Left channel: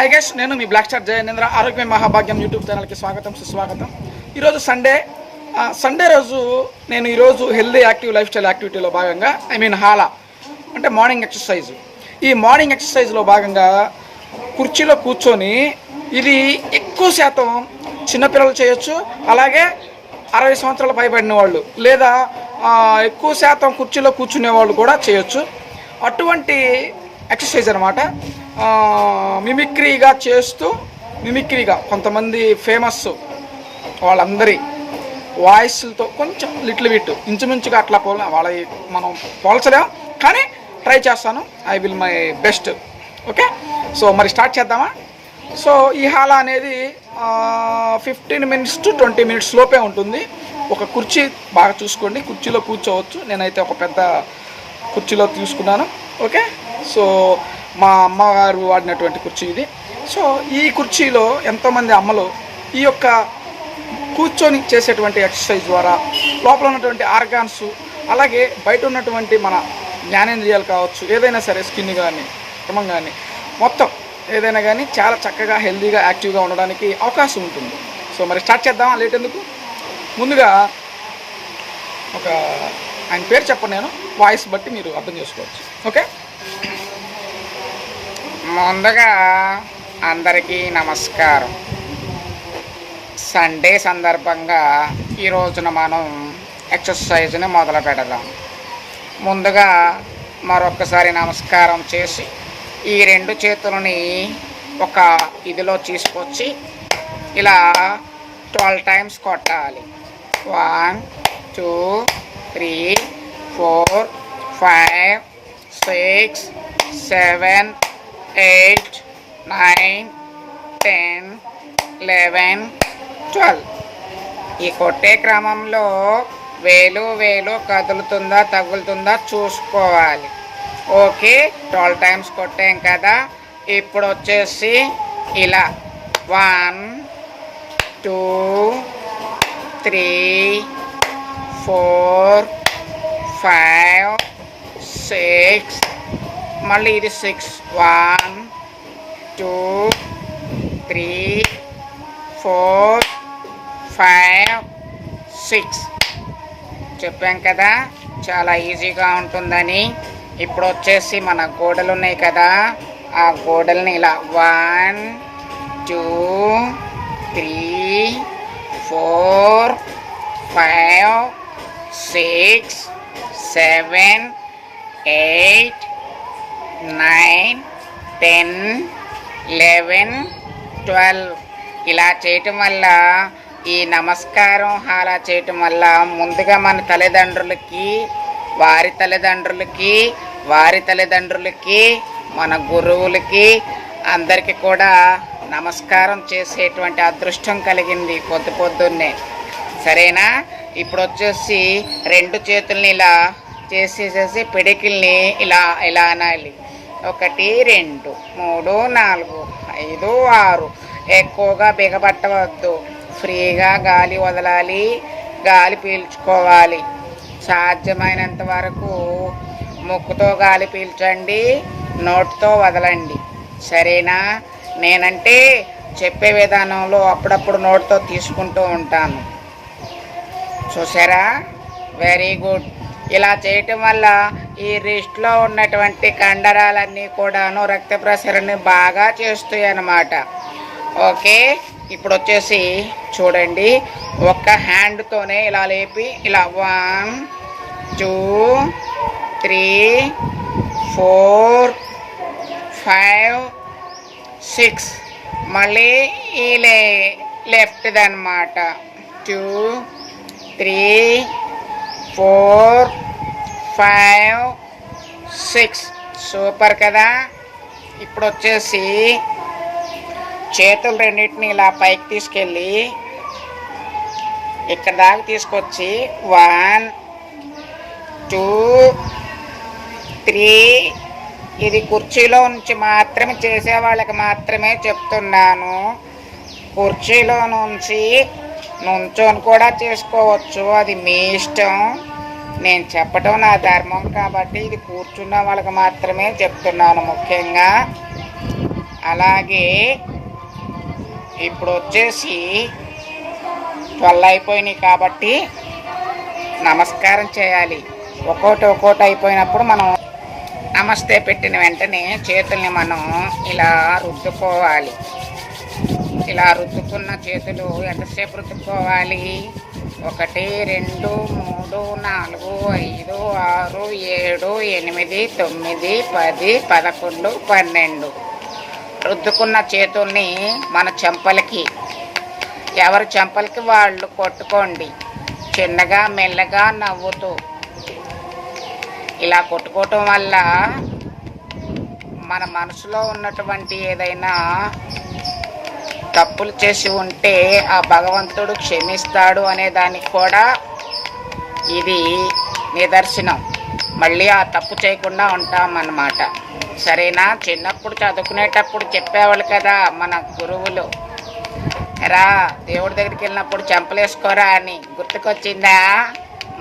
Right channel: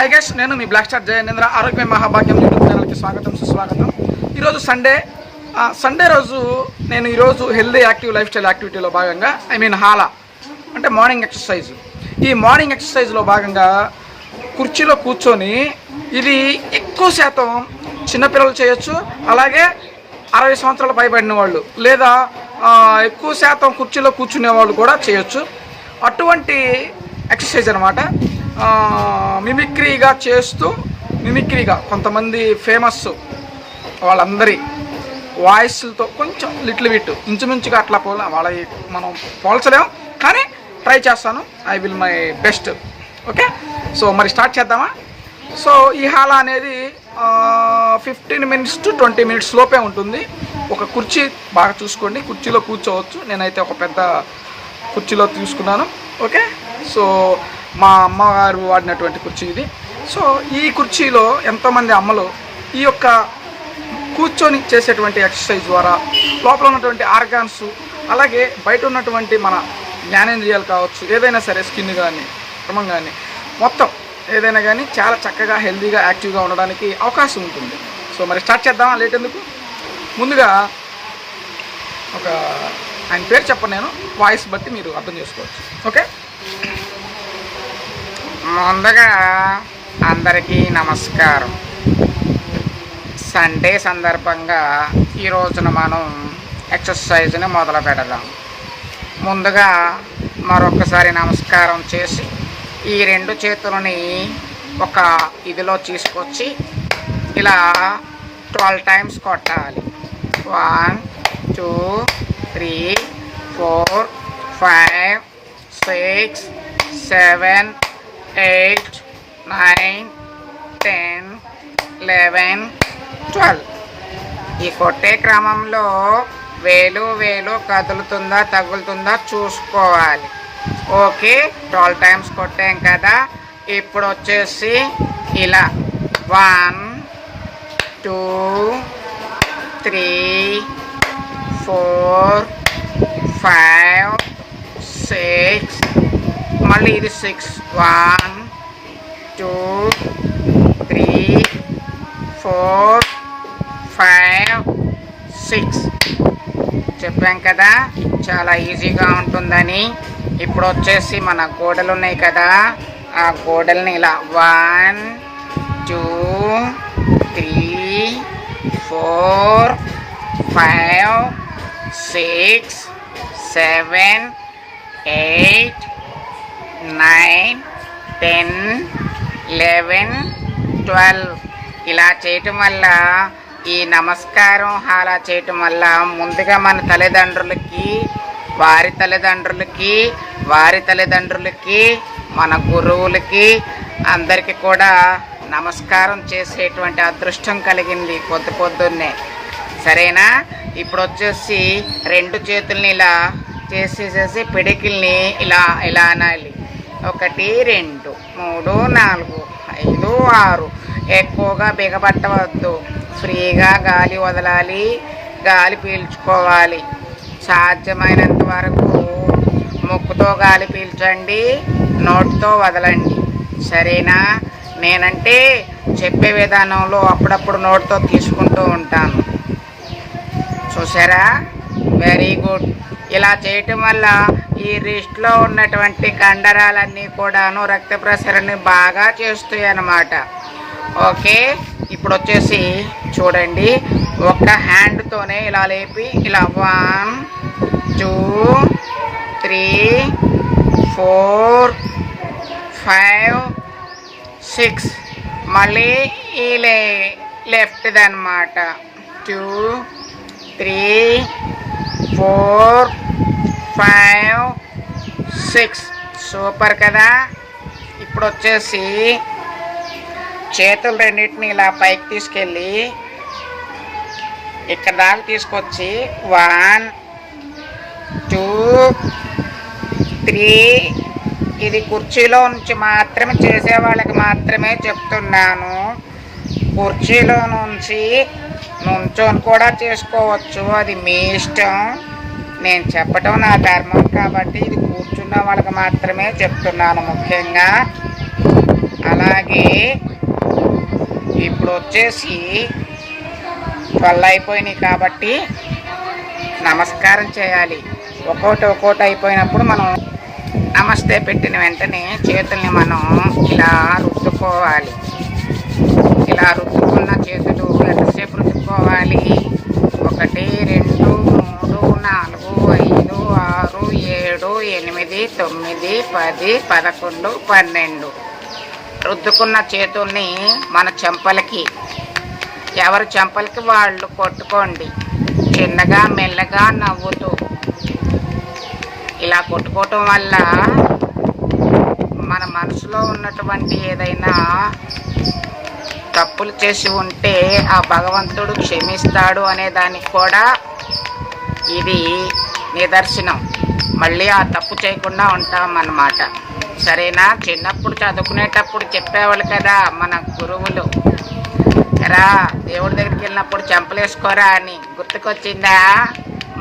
Hi guys, నేను మీ black star Jayendra. ఆరోగ్య మహాభాగ్యం యూట్యూబ్ ఛానల్కి స్వాగతం, సుస్వాగతం. ఈరోజు సండే రోజు నేను ఈరోజు హెల్దీ యాక్టివ్ లైఫ్ స్టైల్ యాక్టివిటీలో భాగంగా హాలా అంటే మార్నింగ్ ఎక్సర్సైజ్. ఈ మార్నింగ్ ఎక్సర్సైజ్లో భాగంగా కుర్చీలో కూర్చొని ఇది ఎక్కువ శాతం చిన్నపిల్లలు చేయొచ్చు, అలాగే 60 సంవత్సరాల పైబడిన వాళ్ళు లేదా ఎక్కువ శాతం కుర్చీలో కూర్చునే వాళ్ళు కూడా చేయొచ్చు. అటువంటి ఎక్సర్సైజ్ అనమాట. మిమిక్రీగా చేస్తూ కొంతమంది ఫేమస్ వాళ్ళందరి వాయిస్లతో కొంచెం లిటిల్ బిట్ ఇంచుమించుగా అట్లా వాళ్ళ మనం పోల్చలేం, కానీ ట్రై చేస్తాను. I will my best. Okay, so మరి స్టార్ట్ చేద్దామా? సో ఈ హాలా అనేది 15 minutes to 20 minutes లోపే ఉంటుంది. ఒక కుర్చీ బాగా చూసుకోండి, కుర్చీలో కూర్చోవచ్చు. నేనైతే ఒక పెద్ద కుర్చీలో తీసుకున్నాను. ఓకే, సో మా అమ్మగారు వాడినటువంటి కుర్చీ ఇది. సో ఈ కుర్చీలో ఎంతోమంది అమ్మలు ఈ యొక్క కూర్చొని చేసేటువంటి ఎక్సర్సైజ్ ద్వారా లోపల ఉన్నటువంటి ఆర్గాన్స్, అలాగే బయట ఉన్నటువంటి మన జ్ఞానేంద్రియాలు కావచ్చు, ఏదైనా సరే స్కిన్ కానీ చర్మం కానీ మొత్తం ఏదైనా కానీ చాలా చక్కగా హెల్తీగా యాక్టివ్గా ఉండడానికి అవకాశం ఉంటుంది. సో మరి స్టార్ట్ చేద్దామా? లేట్ ఎందుకు? ముందుగా ఆయన పేరు చెప్పను, నేను వాయిస్ బట్టి మీరు అర్థం చేసుకోవచ్చు. ఓకే, ముందుగా అందరికీ నమస్కారం. సండే సందర్భంగా ఈ రోజున మనం ఎక్సర్సైజ్ని మొదలు పెడదాం. ముందుగా మరొకసారి నమస్కారం చేసి ఈ 2 చేతులని ఒక ఇదిలో తీసుకొచ్చి ఇలా 12 times కొట్టాలి. 1 2 3 4 5 6 7 8 9 10 11 12. ఈ కొట్టే క్రమంలో వేలు కదులుతుందా తగులుతుందా చూసుకోవాలి. ఓకే, 12 times కొట్టాం కదా. ఇప్పుడు వచ్చేసి ఇలా 1 2 3 4 5 6, మళ్ళీ ఇది 6 1 2 3 4 5 6 చెప్పాం కదా, చాలా ఈజీగా ఉంటుందని. ఇప్పుడు వచ్చేసి మన గోడలు ఉన్నాయి కదా, ఆ గోడల్ని ఇలా 1 2 3 4 5 6 7 8 9 10 11 12 ఇలా చేయటం వల్ల, ఈ నమస్కారం హాలా చేయటం వల్ల ముందుగా మన తల్లిదండ్రులకి, వారి తల్లిదండ్రులకి, మన గురువులకి అందరికీ కూడా నమస్కారం చేసేటువంటి అదృష్టం కలిగింది పొద్దున్నే. సరేనా? ఇప్పుడు వచ్చేసి 2 చేతుల్ని ఇలా చేసేసేసి పిడికిల్ని ఇలా అనాలి. 1 2 3 4 5 6. ఎక్కువగా బిగబట్టవద్దు, ఫ్రీగా గాలి వదలాలి, గాలి పీల్చుకోవాలి. సాధ్యమైనంత వరకు ముక్కుతో గాలి పీల్చండి, నోటితో వదలండి. సరేనా? నేనంటే చెప్పే విధానంలో అప్పుడప్పుడు నోటితో తీసుకుంటూ ఉంటాను. చూసారా? Very good. ఇలా చేయటం వల్ల ఈ రిస్ట్లో ఉన్నటువంటి కండరాలన్నీ కూడాను రక్త ప్రసరణని బాగా చేస్తాయి అన్నమాట. ఓకే, ఇప్పుడు వచ్చేసి చూడండి, ఒక్క హ్యాండ్తోనే ఇలా లేపి ఇలా 1 2 3 4 5 6, మళ్ళీ ఈ లెఫ్ట్ది అనమాట 2 3 4 5 6. సూపర్ కదా. ఇప్పుడు వచ్చేసి చేతులు రెండింటిని ఇలా పైకి తీసుకెళ్ళి ఇక్కడ దాకా తీసుకొచ్చి 1 2 3. ఇది కుర్చీలో నుంచి మాత్రమే చేసే వాళ్ళకి మాత్రమే చెప్తున్నాను. కుర్చీలో నుంచి నుంచొని కూడా చేసుకోవచ్చు, అది మీ ఇష్టం. నేను చెప్పటం నా ధర్మం కాబట్టి ఇది కూర్చున్న వాళ్ళకి మాత్రమే చెప్తున్నాను. ముఖ్యంగా అలాగే ఇప్పుడు వచ్చేసి 12 అయిపోయినాయి కాబట్టి నమస్కారం చేయాలి. ఒక్కోటి అయిపోయినప్పుడు మనం నమస్తే పెట్టిన వెంటనే చేతుల్ని మనం ఇలా రుద్దుకోవాలి. ఇలా రుద్దుకున్న చేతులు ఎంతసేపు రుద్దుకోవాలి? 1 2 3 4 5 6 7 8 9 10 11 12 రుద్దుకున్న చేతుల్ని మన చెంపలకి, ఎవరి చెంపలకి వాళ్ళు కొట్టుకోండి. చిన్నగా మెల్లగా నవ్వుతూ ఇలా కొట్టుకోవటం వల్ల మన మనసులో ఉన్నటువంటి ఏదైనా తప్పులు చేసి ఉంటే ఆ భగవంతుడు క్షమిస్తాడు అనే దానికి కూడా ఇది నిదర్శనం. మళ్ళీ ఆ తప్పు చేయకుండా ఉంటామన్నమాట. సరేనా? చిన్నప్పుడు చదువుకునేటప్పుడు చెప్పేవాళ్ళు కదా మన గురువులు, రా దేవుడి దగ్గరికి వెళ్ళినప్పుడు చెంపలేసుకోరా అని. గుర్తుకొచ్చిందా?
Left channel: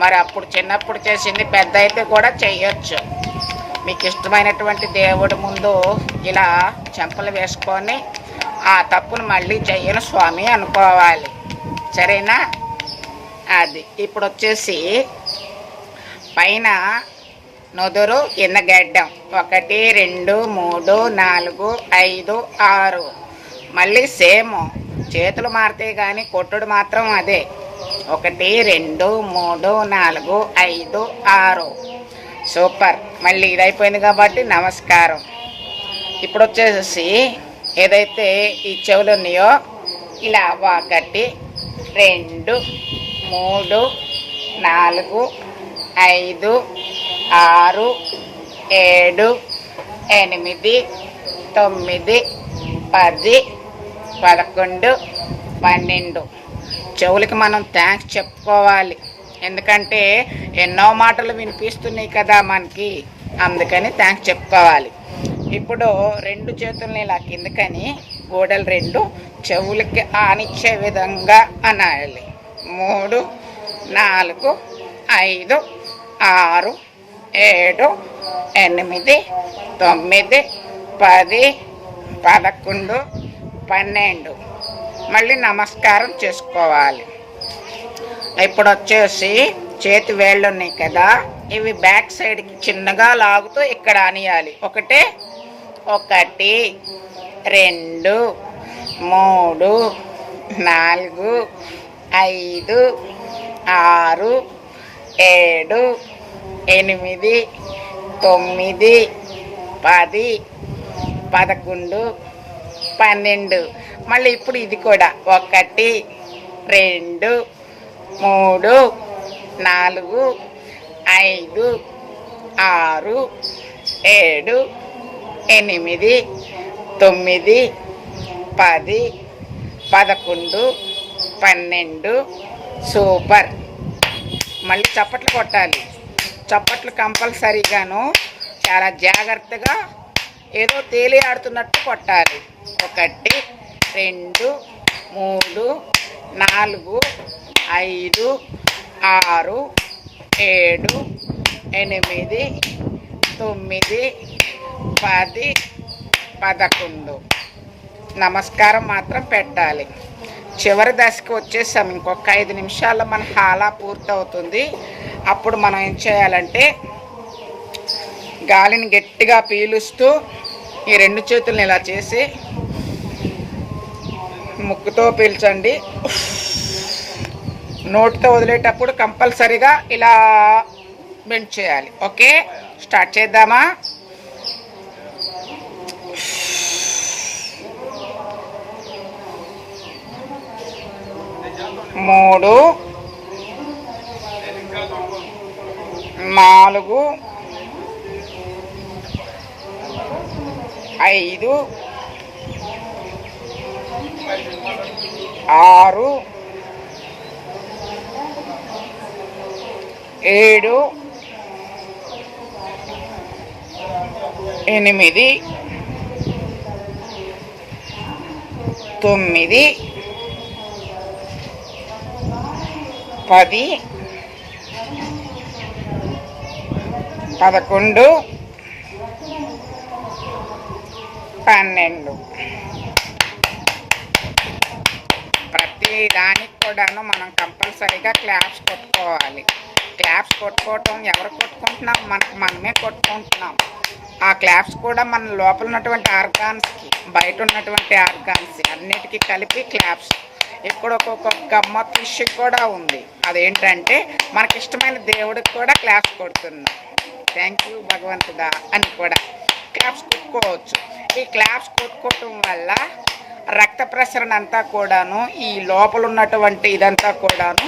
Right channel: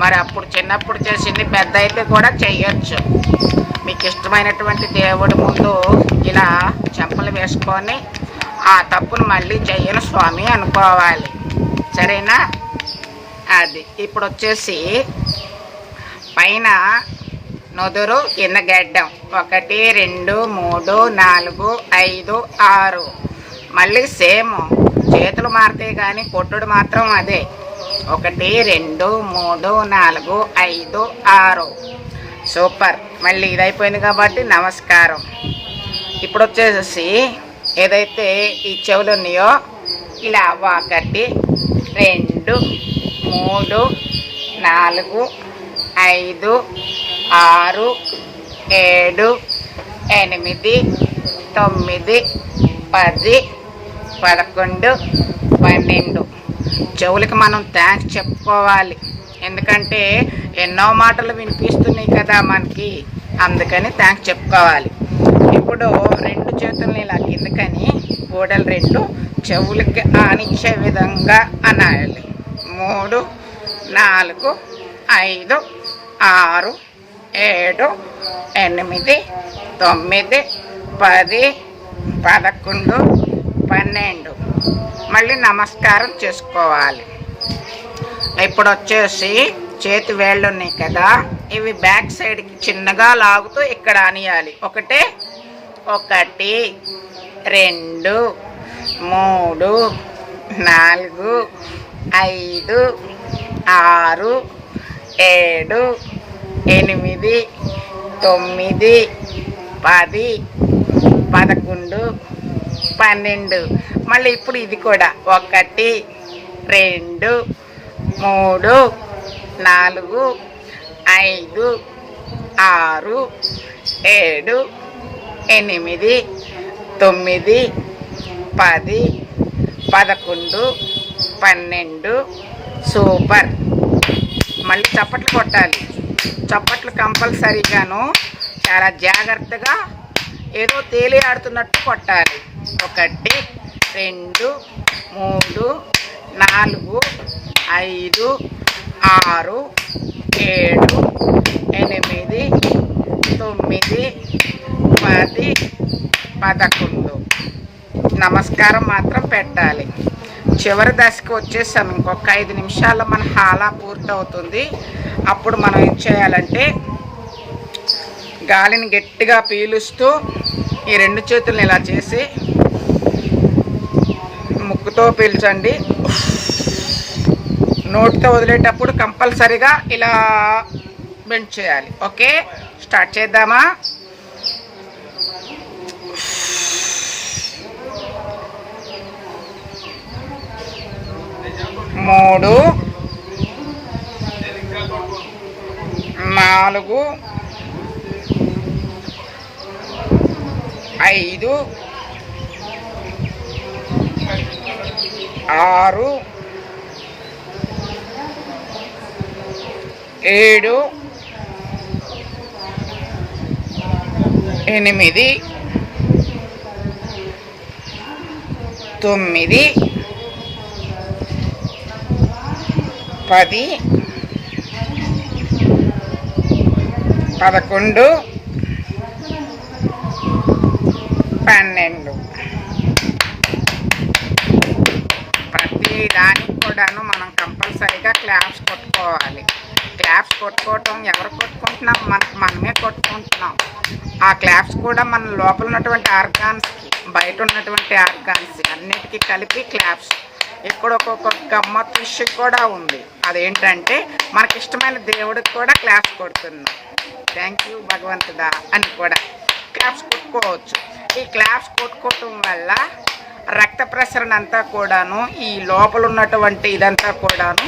మరి అప్పుడు చిన్నప్పుడు చేసింది పెద్ద అయితే కూడా చెయ్యొచ్చు. మీకు ఇష్టమైనటువంటి దేవుడి ముందు ఇలా చెంపలు వేసుకొని ఆ తప్పును మళ్ళీ చెయ్యను స్వామి అనుకోవాలి. సరేనా? అది ఇప్పుడు వచ్చేసి పైన నుదురు, కింద గడ్డం 1 2 3 4 5 6 మళ్ళీ సేమ్. చేతులు మారితే కానీ కొట్టుడు మాత్రం అదే. 1 2 3 4 5 6 సూపర్. మళ్ళీ ఇది అయిపోయింది కాబట్టి నమస్కారం. ఇప్పుడు వచ్చేసి ఏదైతే ఈ చెవులు ఉన్నాయో ఇలా 1 2 3 4 5 6 7 8 9 10 11 12 చెవులకి మనం థ్యాంక్స్ చెప్పుకోవాలి. ఎందుకంటే ఎన్నో మాటలు వినిపిస్తున్నాయి కదా మనకి, అందుకని థ్యాంక్స్ చెప్పుకోవాలి. ఇప్పుడు 2 చేతుల్ని ఇలా కిందకని గోడలు 2 చెవులకి ఆనిచ్చే విధంగా అనాలి. 3 4 5 6 7 8 9 10 11 12 మళ్ళీ నమస్కారం చేసుకోవాలి. ఇప్పుడు వచ్చేసి చేతి వేళ్ళు ఉన్నాయి కదా, ఇవి బ్యాక్ సైడ్కి చిన్నగా లాగుతూ ఇక్కడ అనియాలి. 1 2 3 4 5 6 7 8 9 10 11 12 మళ్ళీ ఇప్పుడు ఇది కూడా 1 2 3 4 5 6 7 8 9 10 11 12 సూపర్. మళ్ళీ చప్పట్లు కొట్టాలి. చప్పట్లు కంపల్సరీగాను చాలా జాగ్రత్తగా ఏదో తేలి ఆడుతున్నట్టు కొట్టాలి. 1 2 3 4 5 6 7 8 9 10 11 నమస్కారం మాత్రం పెట్టాలి. చివరి దశకు వచ్చేసాం. ఇంకొక 5 నిమిషాల్లో మన హాలా పూర్తవుతుంది. అప్పుడు మనం ఏం చేయాలంటే గాలిని గట్టిగా పీలుస్తూ ఈ 2 చేతులను ఇలా చేసి ముక్కుతో పీల్చండి. నోటితో వదిలేటప్పుడు కంపల్సరీగా ఇలా బెండ్ చేయాలి. ఓకే, స్టార్ట్ చేద్దామా? మూడు 4 5 6 7 8 9 10 11 12 దానికి కూడాను మనం కంపల్సరీగా క్లాప్స్ కొట్టుకోవాలి. క్లాప్స్ కొట్టుకోవటం ఎవరు కొట్టుకుంటున్నాం? మనమే కొట్టుకుంటున్నాం. ఆ క్లాప్స్ కూడా మన లోపల ఉన్నటువంటి ఆర్గాన్స్కి, బయట ఉన్నటువంటి ఆర్గాన్స్ అన్నిటికీ కలిపి క్లాప్స్. ఇక్కడ ఒక్కొక్క గమ్మత్తు విషయం కూడా ఉంది. అదేంటంటే మనకి ఇష్టమైన దేవుడికి కూడా క్లాప్స్ కొడుతున్నాం. థ్యాంక్ యూ భగవంతుడా అని కూడా క్లాప్స్ కొట్టుకోవచ్చు. ఈ క్లాప్స్ కొట్టుకోవటం వల్ల రక్త ప్రసరణ అంతా కూడాను, ఈ లోపల ఉన్నటువంటి ఇదంతా కూడాను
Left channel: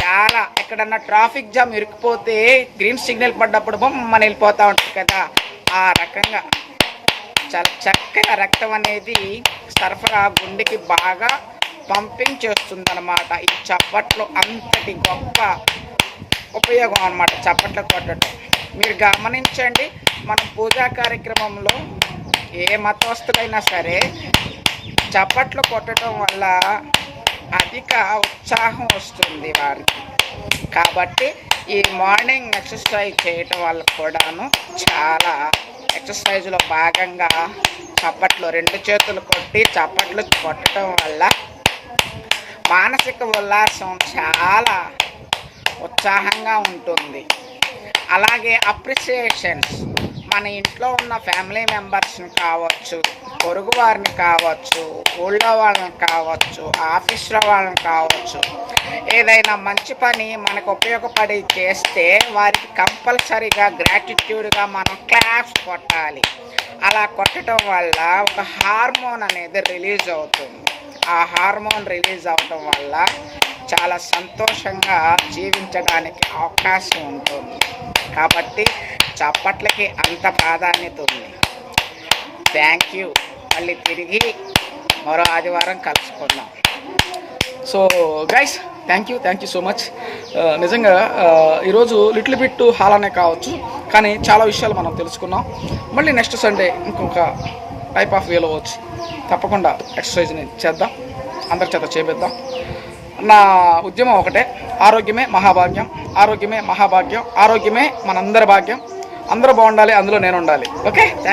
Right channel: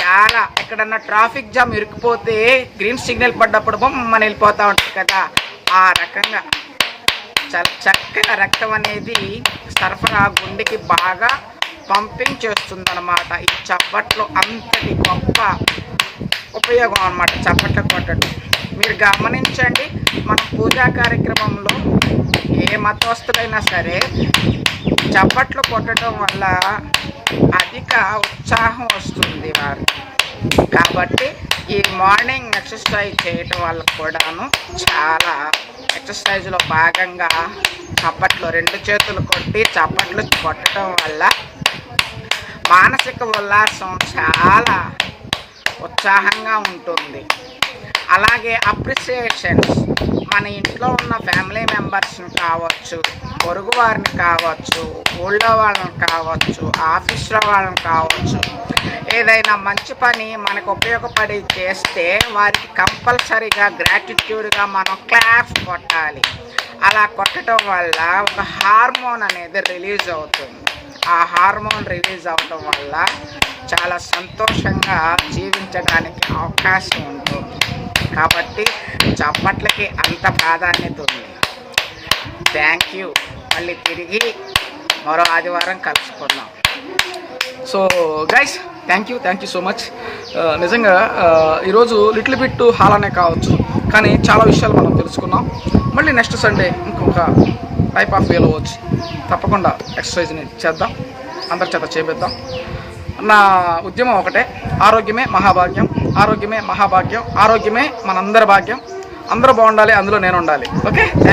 చాలా, ఎక్కడన్నా ట్రాఫిక్ జామ్ ఇరుక్కుపోతే గ్రీన్ సిగ్నల్ పడ్డప్పుడు మన వెళ్ళిపోతూ ఉంటుంది కదా, ఆ రకంగా చాలా చక్కగా రక్తం అనేది సరఫరా గుండెకి బాగా పంపింగ్ చేస్తుంది అనమాట. ఈ చప్పట్లు అంతటి గొప్ప ఉపయోగం అనమాట చప్పట్లు కొట్టడం. మీరు గమనించండి, మన పూజా కార్యక్రమంలో ఏ మతస్థులైనా సరే చప్పట్లు కొట్టడం వల్ల అధిక ఉత్సాహం వస్తుంది వారికి. కాబట్టి ఈ మార్నింగ్ ఎక్సర్సైజ్ చేయటం వల్ల కూడాను చాలా ఎక్సర్సైజ్లో భాగంగా చప్పట్లు 2 చేతులు కొట్టి చప్పట్లు కొట్టడం వల్ల మానసిక ఉల్లాసం చాలా ఉత్సాహంగా ఉంటుంది. అలాగే అప్రిసియేషన్స్, మన ఇంట్లో ఉన్న ఫ్యామిలీ మెంబర్స్ని కావచ్చు, పొరుగు వారిని కావచ్చు, ఊళ్ళో వాళ్ళని కావచ్చు, ఆఫీస్లో వాళ్ళని కావచ్చు, ఏదైనా మంచి పని మనకు ఉపయోగపడి చేస్తే వారికి కంపల్సరీగా గ్రాటిట్యూడ్గా మనం క్లాప్స్ కొట్టాలి. అలా కొట్టడం వల్ల ఒక హార్మోన్ అనేది రిలీజ్ అవుతుంది. ఆ హార్మోన్ రిలీజ్ అవటం వల్ల చాలా సంతోషంగా జీవించడానికి అవకాశం ఉంటుంది. కాబట్టి చప్పట్లకి అంత ప్రాధాన్యత ఉంది. Thank you. మళ్ళీ తిరిగి మరో ఆదివారం కలుసుకుందాం. So guys, thank you so much. నిజంగా ఈరోజు లిటిల్ బిట్ హాలానే కావచ్చు, కానీ చాలా విషయాలు మనం తెలుసుకున్నాం. మళ్ళీ నెక్స్ట్ సండే ఇంకొక టైప్ ఆఫ్ వేలో వచ్చి తప్పకుండా ఎక్సర్సైజ్ని చేద్దాం, అందరి చేత చేపిద్దాం. నా ఉద్యమం ఒకటే, ఆరోగ్యమే మహాభాగ్యం, ఆరోగ్యమే మహాభాగ్యం, ఆరోగ్యమే మనందరి భాగ్యం. అందరూ బాగుండాలి, అందులో నేను ఉండాలి. Okay, thank